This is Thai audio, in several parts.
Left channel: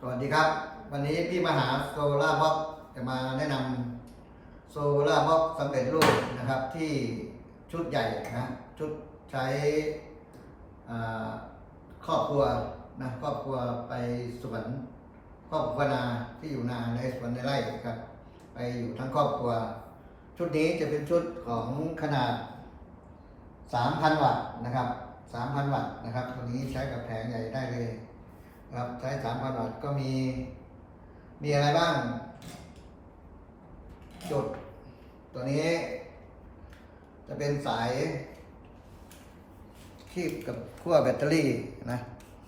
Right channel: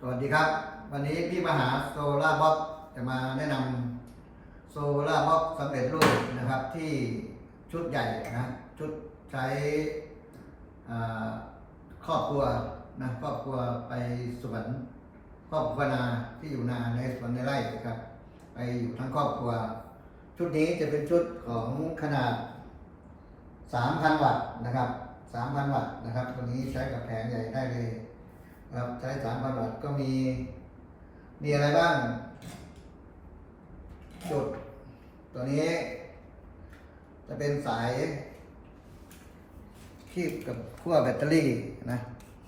สวัสดีครับ วันนี้พี่มหาโซล่าบ็อกจะมาแนะนำโซล่าบ็อกสำเร็จรูปนะครับที่ชุดใหญ่นะชุดใช้ครอบครัวนะครอบครัวไปสวนครอบครัวนาที่อยู่นาในสวนในไร่ครับ ไปอยู่ทั้งครอบครัว ชุดนี้จะเป็นชุดของขนาด 3,000 วัตต์นะครับ 3,000 วัตต์นะครับตัวนี้ใช้กับแผงใหญ่ได้เลย ครับใช้สามพันวัตก็มี มีอะไรบ้าง จุด ตัวนี้ จะเป็นสาย คีบกับขั้วแบตเตอรี่นะ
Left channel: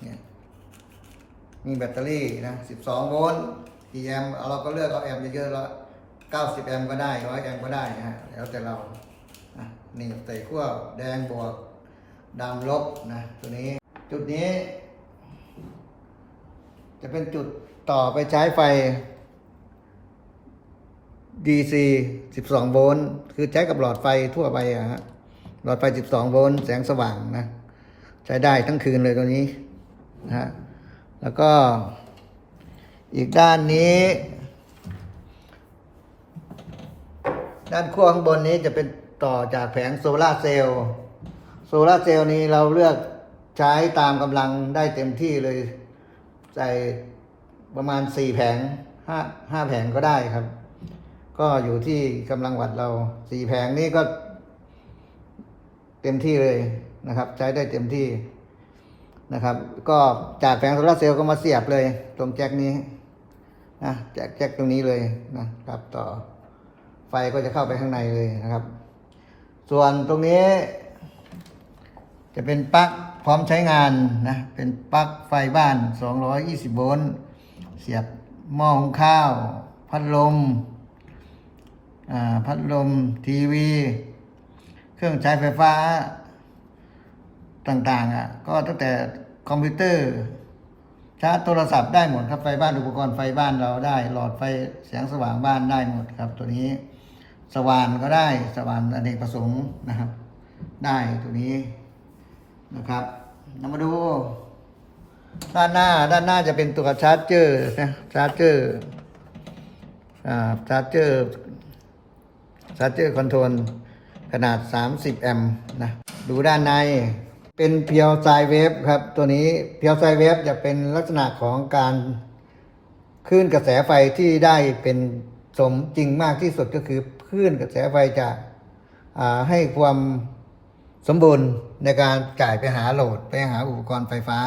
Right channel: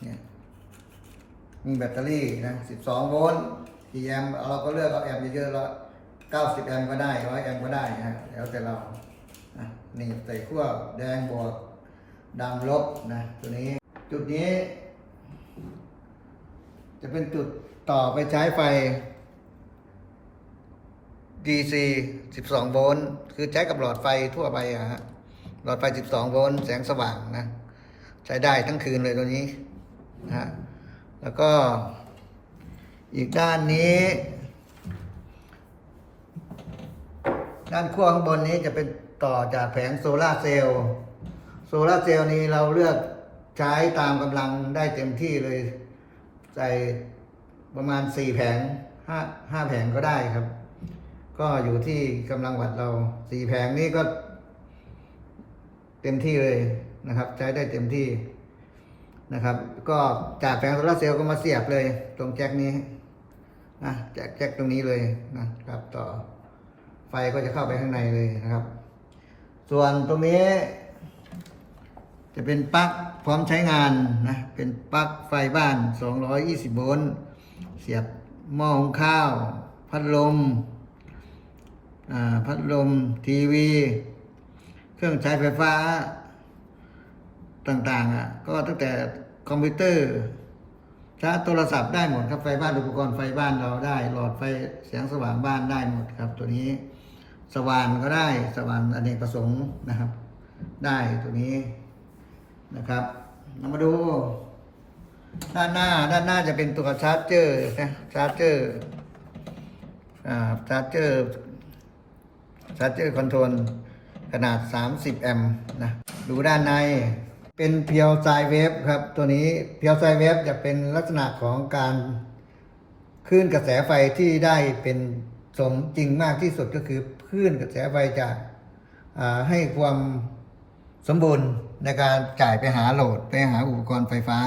เนี่ยมีแบตเตอรี่นะส12 โวลต์กี่แอมป์เราก็เลือกเอาแอมป์เยอะๆแล้ว90 แอมป์ก็ได้100แอมป์ก็ได้นะฮะแล้วแต่เรานะนี่ใส่ขั้วแดงบวกดำลบนะตัวนี้ จุดนี้ จะเป็นจุดต่อไปใช้ไฟ DC 12 โวลต์ คือใช้กับหลอดไฟทั่วไปอะฮะ หลอดไฟ 12 โวลต์ แสงสว่างนะ ใช้ได้ทั้งคืนเลยตัวนี้นะฮะ แล้วก็อีกด้านนี้ ด้านขั้วข้างบนนี้จะเป็นต่อจากแผงโซลาร์เซลล์ โซลาร์เซลล์นี้เราเลือกใช้ตามกำลังได้เต็มที่เลย ใส่ประมาณสี่แผงห้าห้าแผงก็ได้ครับ ก็อยู่ที่กำลังวัดเราสี่แผงนี้ก็ เต็มที่เลยนะครับ ใช้ได้เต็มที่นะครับ ก็จากแผงโซลาเซลล์ก็มาเสียบเลยตรงแจ็คนี้นะแจ็คแจ็คตรงนี้เลยนะครับต่อไฟก็จะเข้าไปข้างในเลยนะครับ ส่วนตรงนี้ จะเป็นปลั๊กพร้อมใช้งานนะ เป็นปลั๊กไฟบ้าน 220 โวลต์ เสียบหม้อหุงข้าว พัดลมอ่าพัดลมทีวี เครื่องใช้ไฟฟ้าต่างๆอะ ก็ตั้งแต่คอมพิวเตอร์ชาร์จโทรศัพท์ได้หมดครับไฟบ้านอุปกรณ์ไฟบ้านเราได้ หลอดไฟแสงสว่างบ้านได้หมดครับ ตัวนี้สว่านก็ได้สว่านอเนกประสงค์นะครับ ได้ตัวนี้ นะครับเรามาดูด้านหน้าด้านหน้าจะเป็นตัวชาร์จเจอร์นะชาร์จเจอร์อ่าชาร์จเจอร์ชาร์จเจอร์คอนโทรลขนาด 30 แอมป์นะดูด้านในเป็นเพียวไซเวฟครับตัวนี้เพียวไซเวฟจะเป็นลักษณะของการคลื่นกระแสไฟที่ได้เป็นสมจริงมากที่สุดก็คือคลื่นกระแสไฟจะให้ความ สมบูรณ์ในการจ่ายไปหาโหลดไปหาอุปกรณ์ไฟฟ้า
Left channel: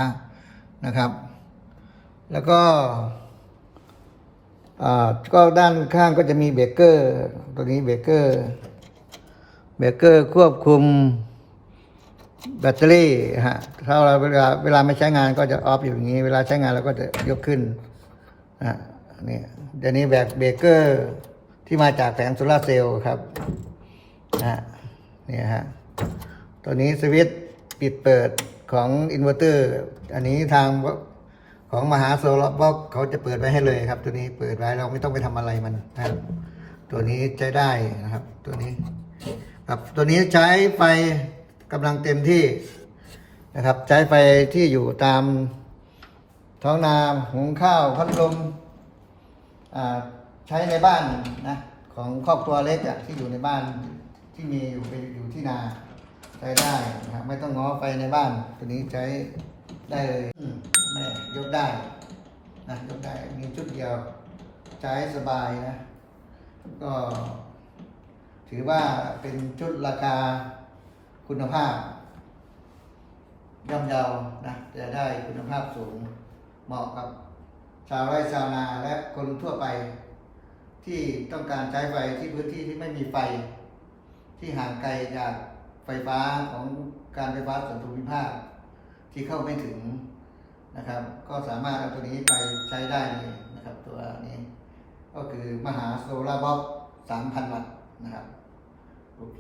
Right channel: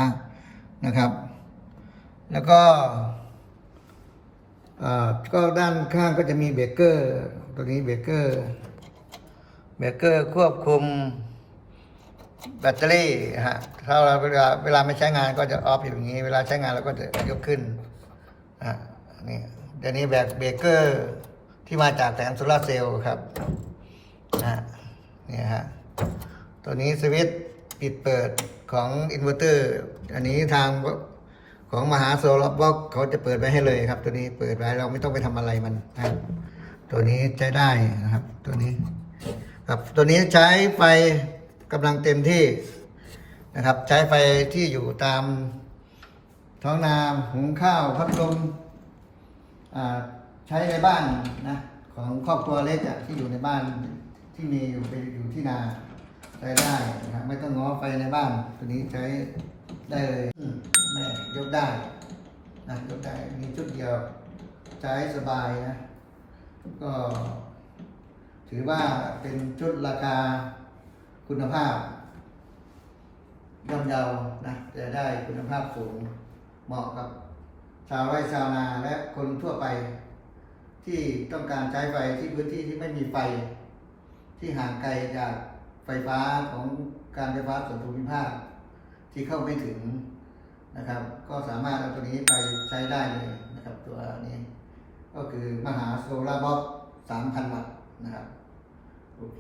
นะครับ แล้วก็ก็ด้านข้างก็จะมีเบรกเกอร์ตัวนี้เบรกเกอร์เบรกเกอร์ควบคุมแบตเตอรี่ฮะถ้าเราเวลาเวลาไม่ใช้งานก็จะออฟอยู่อย่างนี้ เวลาใช้งานเราก็จะยกขึ้นอะนี่เดี๋ยวนี้แบบเบรกเกอร์ที่มาจากแผงโซลาเซลล์ครับนะฮะนี่ฮะ ตัวนี้สวิตช์ปิดเปิดของอินเวอร์เตอร์อันนี้ทางของมหาโซลาร์บล็อกเขาจะเปิดไว้ให้เลยครับ ตัวนี้เปิดไว้เราไม่ต้องไปทำอะไรมันนะครับ ตัวนี้ใช้ได้นะครับ ตัวนี้ครับตัวนี้ใช้ไฟกำลังเต็มที่นะครับ ใช้ไฟที่อยู่ตามท้องนาหุงข้าวพัดลมอ่าใช้ในบ้านนะของครอบครัวเล็กอะที่อยู่ในบ้านที่มีอยู่ไปอยู่ที่นา ช้ได้นะครับไม่ต้องง้อไฟในบ้าน ตัวนี้ใช้ได้เลยแม่ยกได้นะยกได้มีชุดเดียวใช้สบายนะก็ ถือว่าเป็นชุดราคาคุณภาพย่อมเยานะจะได้คุณภาพสูงเหมาะกับชาวไร่ชาวนาและคนทั่วไป ที่ต้องการใช้ไฟที่พื้นที่ที่ไม่มีไฟ ที่ห่างไกลจาก ไฟฟ้าของการไฟฟ้าส่วนภูมิภาคที่เข้าไม่ถึงนะครับ ก็สามารถเอาตัวนี้ไปใช้ได้เลยนะครับ ตัวนี้ ก็คือมหาโซลาร์บ็อก3,000 วัตต์นะครับ โอเค